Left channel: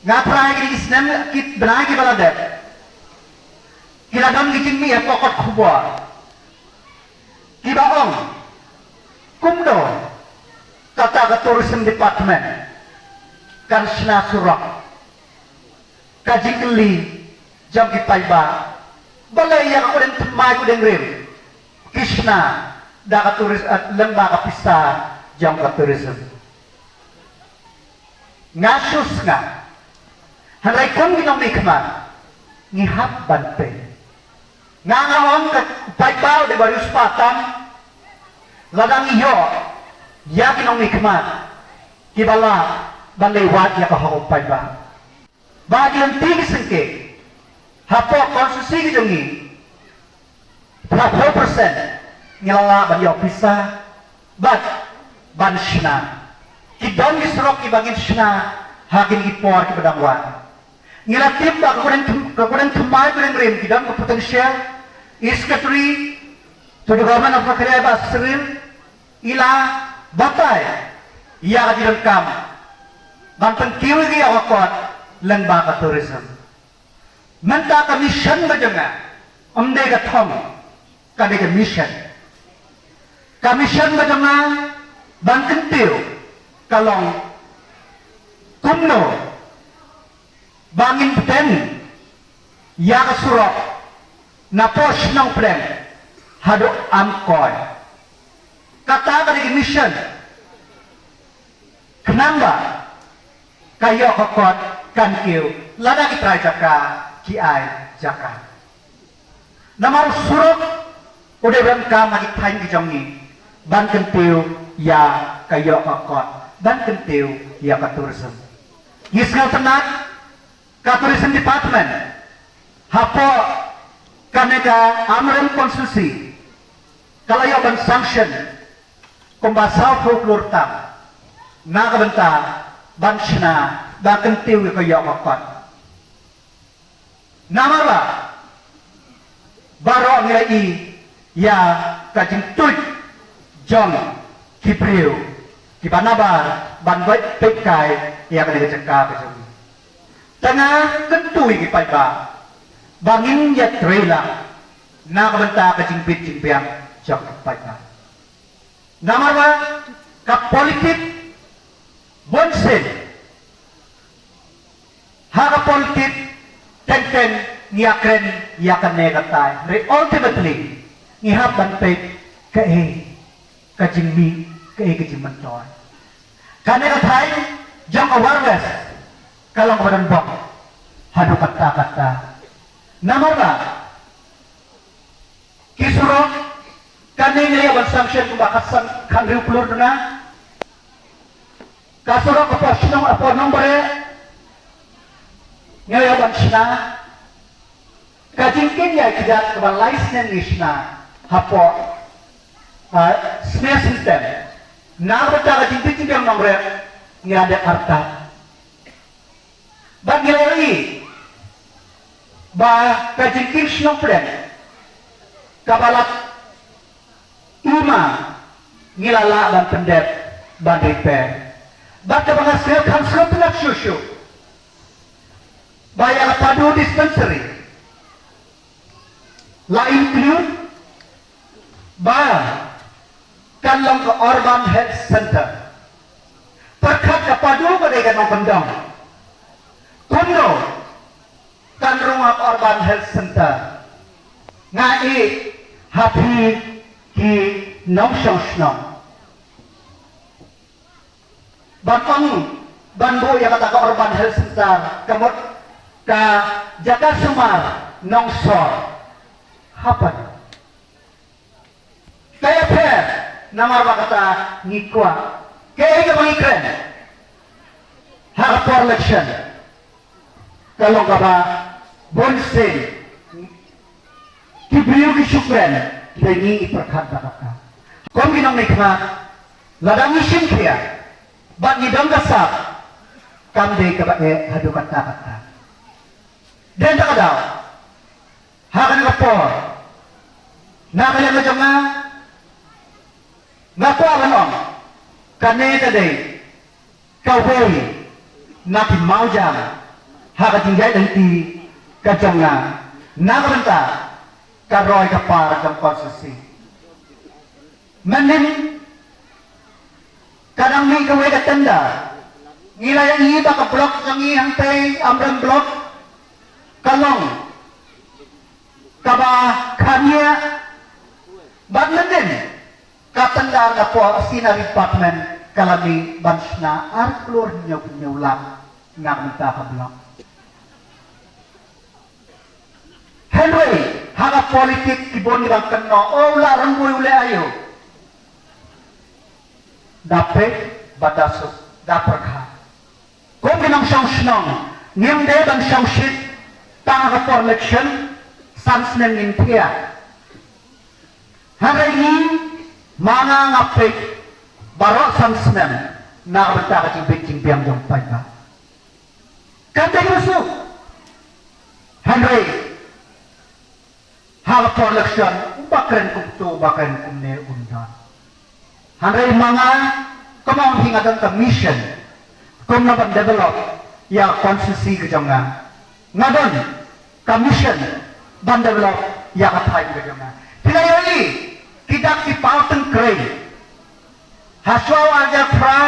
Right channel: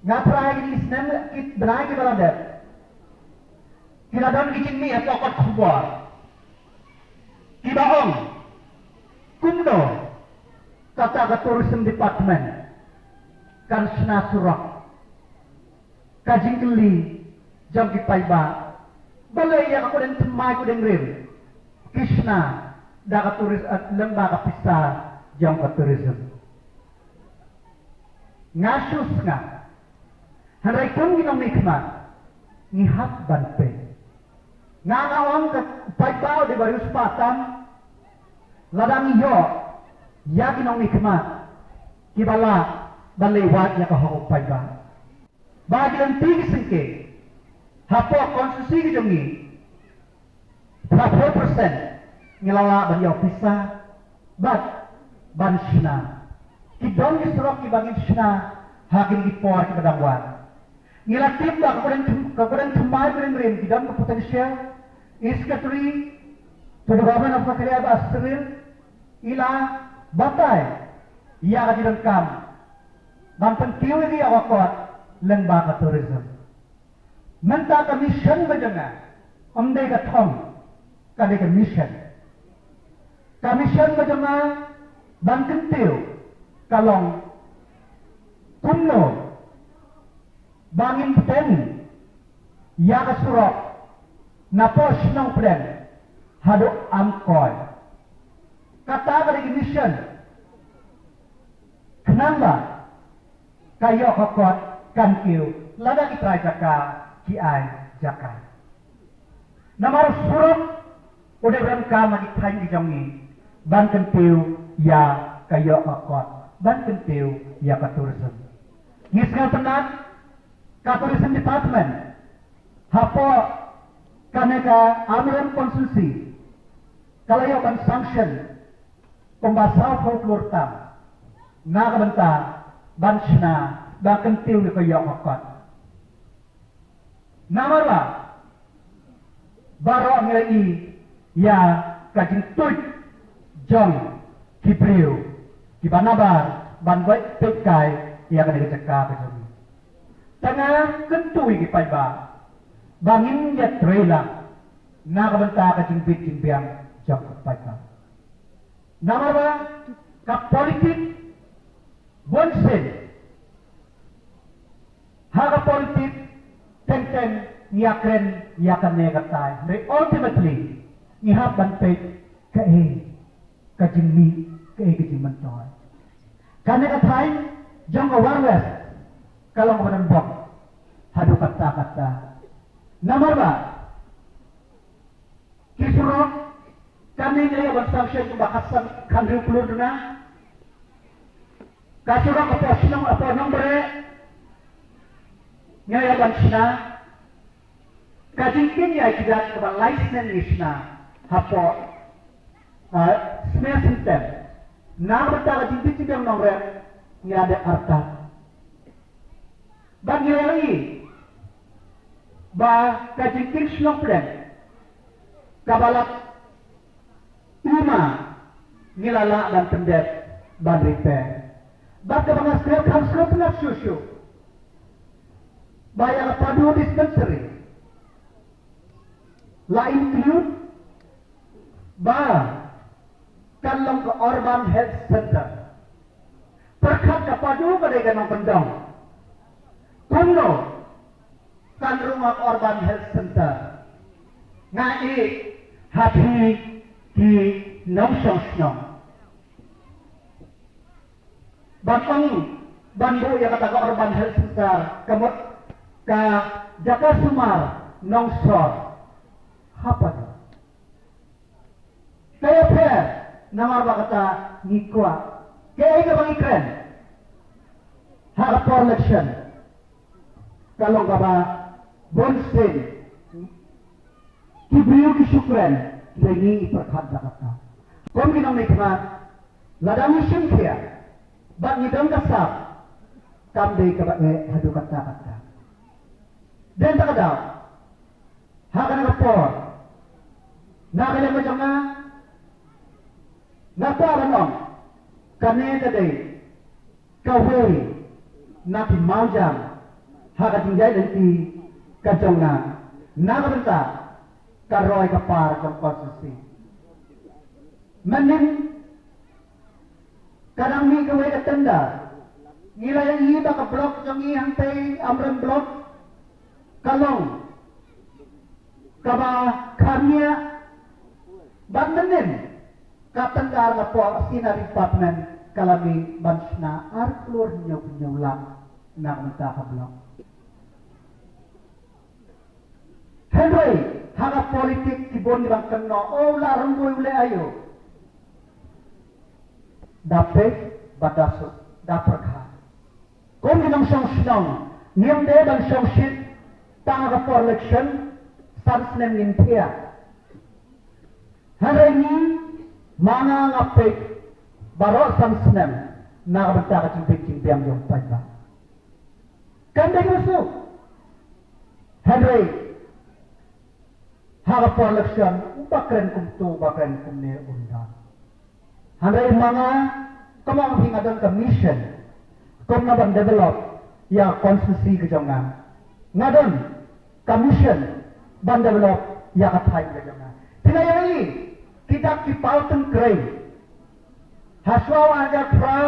Ngapain ini Islam kita benar kita balada. Kita dalam ngicing mi pokok kubah. Kita ong kumdo kata ke tourism department kan sena surak kajing keli jam kita iba balai yang kuden temai kuden rim Krishna dah ke turis lembaga pista jam ke tourism ngasus nga Handai kon ginong mikmat ngihap banpe ngangawang ke paibao di barius patam ladang iyo ya ginong mikmat kibala balewat ya kahok paiba bagi ang tinggi sengke hapo konsusi gijongi 40% ngilala banyo pisa bat ban shna kidong gisrok ibangin shna hakin ipor kibadangwan ngiratim ba kakuran tumpay ko rin rin kidang kapotensya iskatri tudugaman ang pakarya ba sirin ila batay iya ka dirang kam bantang kiwi kaya kakot lang ba ka tourism manta ka mission ba dyan nga amday ka tong kami ka mission ba dyan nga bantang tiyo kalong kumno bangin pen ya kasurok na pos ng plan hado angkoy kata dari mission kenapa kayo kokot kan kiu lada kita jaka ki ay jaka namar surok udah bangka magi tain di jongi ban kentiu ya kayo kokot ban kentiu ya katursem yisngal tenang Tourism Department hapo kaneka amren konstitusi kalayo ban sanction kumbasaw folklore tam nakabenta ban sina bakang tiwi ko yo kakot namara baro nilai ya kajing tuit jong kipriu kibanabar ban baik pekai ya kaneka cekap kajing tengah kentui kipai ba bangin ya trailer nakabenta ka jingpit jingpiang jak kipai ba namarwa ka politik bonsen haga politik ten ngiyakren yakan negatay re ultimately ngihaban pe ka jingmi ka jingmantoy kanegatay jang awareness kalang waran bang hanu kata namar ba kisuro kani ngaya ban sanction bakasan kanri kulur na kasuro apa sinong apa nombre ngaya ban sina kajingkin ya tidak keban license isna hapo snare system na bata kajingkin yang nombre ngada arta Bangilari ba kajingkin sinong plan kabalat ima ngilala dan pendet ban repair bat kabangasir kamsro pengat susu bayar padu dispensary la include ba kalong ke urban health center perkat kapadu pada ganong pendang kuno kan rumah urban health center ngai happy ki nong song banong banbo yang kata ke urban health center kemut ka Jaka Sumar nong sor hapan kaya per namar kata ngikwa kaya ke bangikren hardcore election kalau kaba bonsen kibriyo ki syukran dengi iperkat kata kon ginong nikma ladang isim kaya bang idam kasap kande kaba hadu kata dan tak ada hakan kapor na kaya nga jama ngapo anon kane tadi kawboy na kimau jama haka jingjai dan ti kajanga nagamenta karoy kapar jang konstitusi menin kadang mi gawe katanda ngila yang iba ka blok yang ihantay amrang blok kalong kaba kanya bagmenin katanda na po sina department kalami bansna arklor nyulang nagamenta ka blok Henry, haga politik kibon nibang kano, la ranggoy uli ayo. Dapat bataso, dapat ka. Kung ginang siyang sinong, ngayong day bang siyang shit, tanga for election, sans nang intiya. Haray ni, mga ngapit, baro sans nang, nakabanta ka ching biyang yung payba. Kanda yuso. Henry, hal for election bakren kumtu bakren kumne undan handai mga kamang hingadang commission kum na ban develop ya konstitusi kejonga ngadon commission ban develop ya kathai kejonga tinayoi kidak si pauteng krei haswa aja pra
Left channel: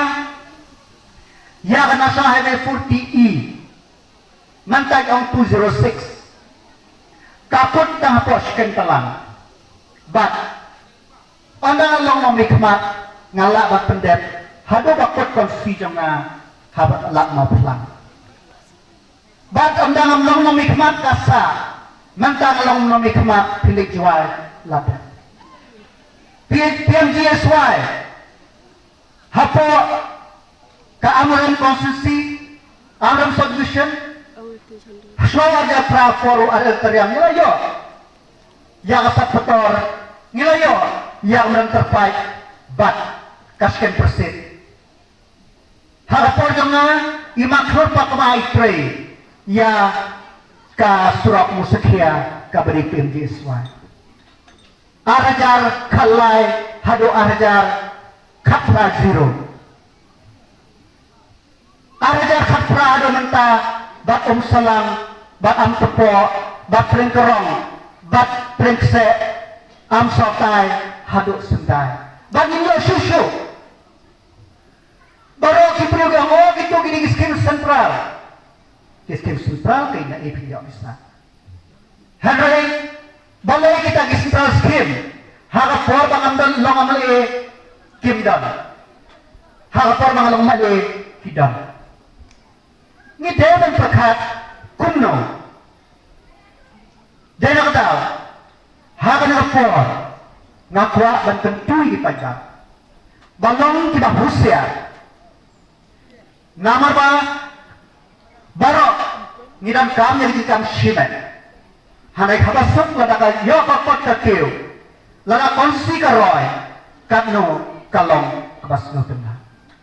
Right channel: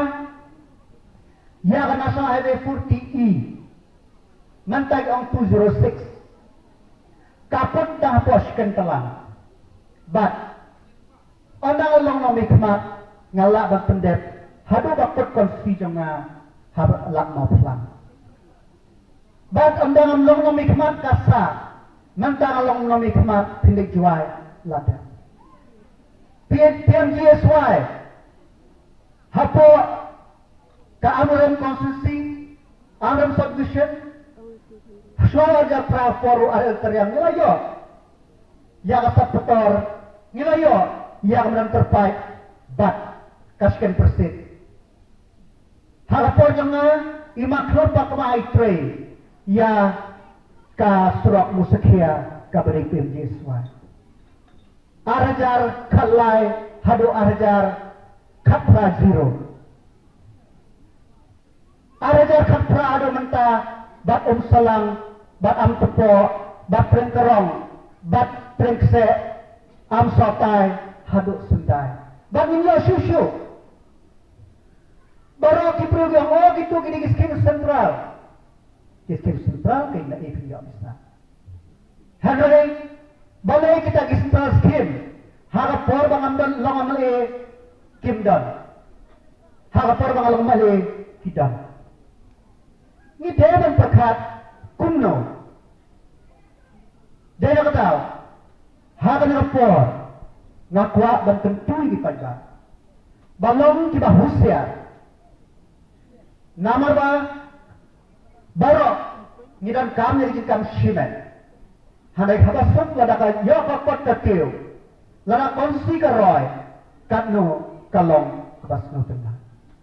ya kana sa highway 40E mantag ang 206 kapot tang posken talang but andang long mikmat ngala bak pendet hado bakot konstitusi jonga habat lak ma plang but andang long mikmat kasa mantang long mikmat pilik jual lada PMGSY hapo keamanan konstitusi amaran submission Suara japra foru ada teriang nilayo, yang asap petor nilayo, yang menterpai bat kasken persit. Halapor jangan imaklor pak mai trei, ya ka surak musikya ka beri PMGSY. Arajar kalai hado arajar khatra zero. Arajar khatra hado mentah bat salang. Bat am tepo, bat prengkerong, bat prengse, am sotai, haduk sentai. Bat inyo susu. Baru kipriyo yang gitu gini skim sentral. Skim sentral kaya na ipin ya bisa. Hadrai, balai kita ki sentral skim. Harap por bang amdan long amali kimdan. Harap por bang long amali kidan. Ni dewan perkat. Kuno, jadi nak tahu, hagan ngapor, ngakwa banten tui pajak, balong kita Rusia, namar ba, baro, ngidam kam jadi kam simen, handai kabasok ladaka yo kapot kakeu, lada konsi karoy, katno kalong kabas no tengah.